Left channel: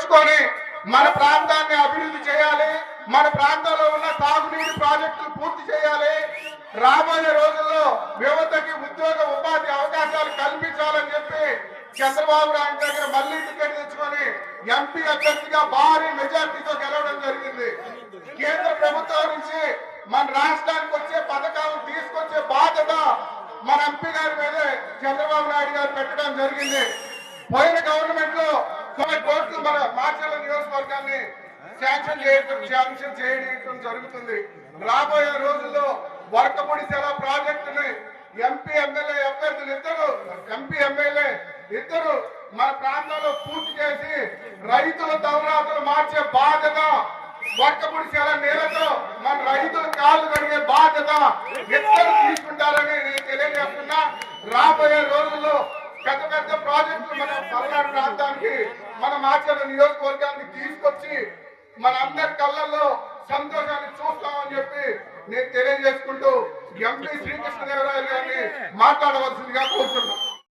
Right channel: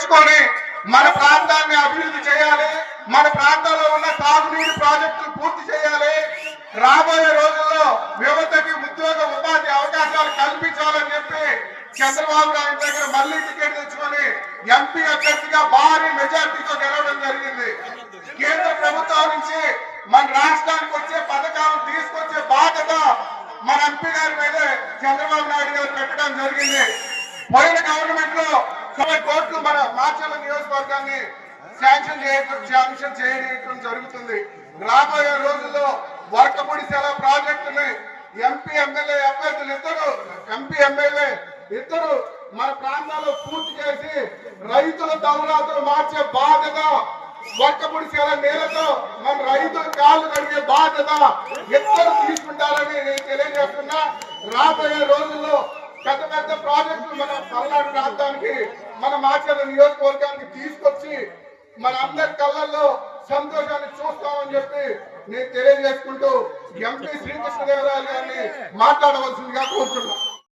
తెచ్చుకొని మన ప్రాంతాన్ని అభివృద్ధి చేయాలి మన ప్రాంతంలో ఉన్న సాగునీటి ప్రాజెక్టులు పూర్తి చేయాలి. రాబోయే రోజుల్లో యువతకి ఉద్యోగ ఉపాధి అవకాశాలు కల్పించాలని చెప్పి చంద్రబాబు నాయుడు దగ్గర మళ్ళీ టికెట్ తెచ్చుకొని ఎంపీ అభ్యర్థిగా భారీ మెజార్టీతో గెలవడం జరిగింది. కేంద్ర ప్రభుత్వం నుంచి మన రాష్ట్రానికి వచ్చే పథకాలను తీసుకొచ్చే బాధ్యత మన ఎంపీ గారి మీద చంద్రబాబు నాయుడు గారు పెట్టడం జరిగింది. పోయిన గవర్నమెంట్ మాచర్ల నియోజకవర్గాన్ని శాంక్షన్ చేయడం శాంక్షన్ చేయడం జరుగుతుంది. రాబోయే రోజుల్లో వర్కపుడి సెల ప్రాజెక్టుని ఎంపీ ఎమ్మెల్యే అభ్యర్థులు ఇద్దరు ఎంపీ ఎమ్మెల్యే ఇద్దరు మన ప్రాంతాల్లో పూర్తి చేసి రైతుల దౌరాతో మార్చే బాధ్యత వర్కపుడి సెల నీళ్ళతో మన రైతుల కాళ్ళు కడిగే బాధ్యత ఇద్దరు తీసుకుంటారని నేను తెలియజేస్తున్నా. రాబోయే రోజుల్లో పెద్ద పెద్ద ప్రాజెక్టులు మన పల్నాడు ప్రాంతానికి మన మాచర్ల నియోజకవర్గానికి తీసుకొచ్చి మన అందరి కళ్ళల్లో సంతోషాన్ని చూస్తామని చెప్పి నేను తెలియజేసుకుంటూ ఎంపీ శ్రీకృష్ణదేవరాయలు గారిని మాట్లాడవలసిందిగా కోరుతున్నాను.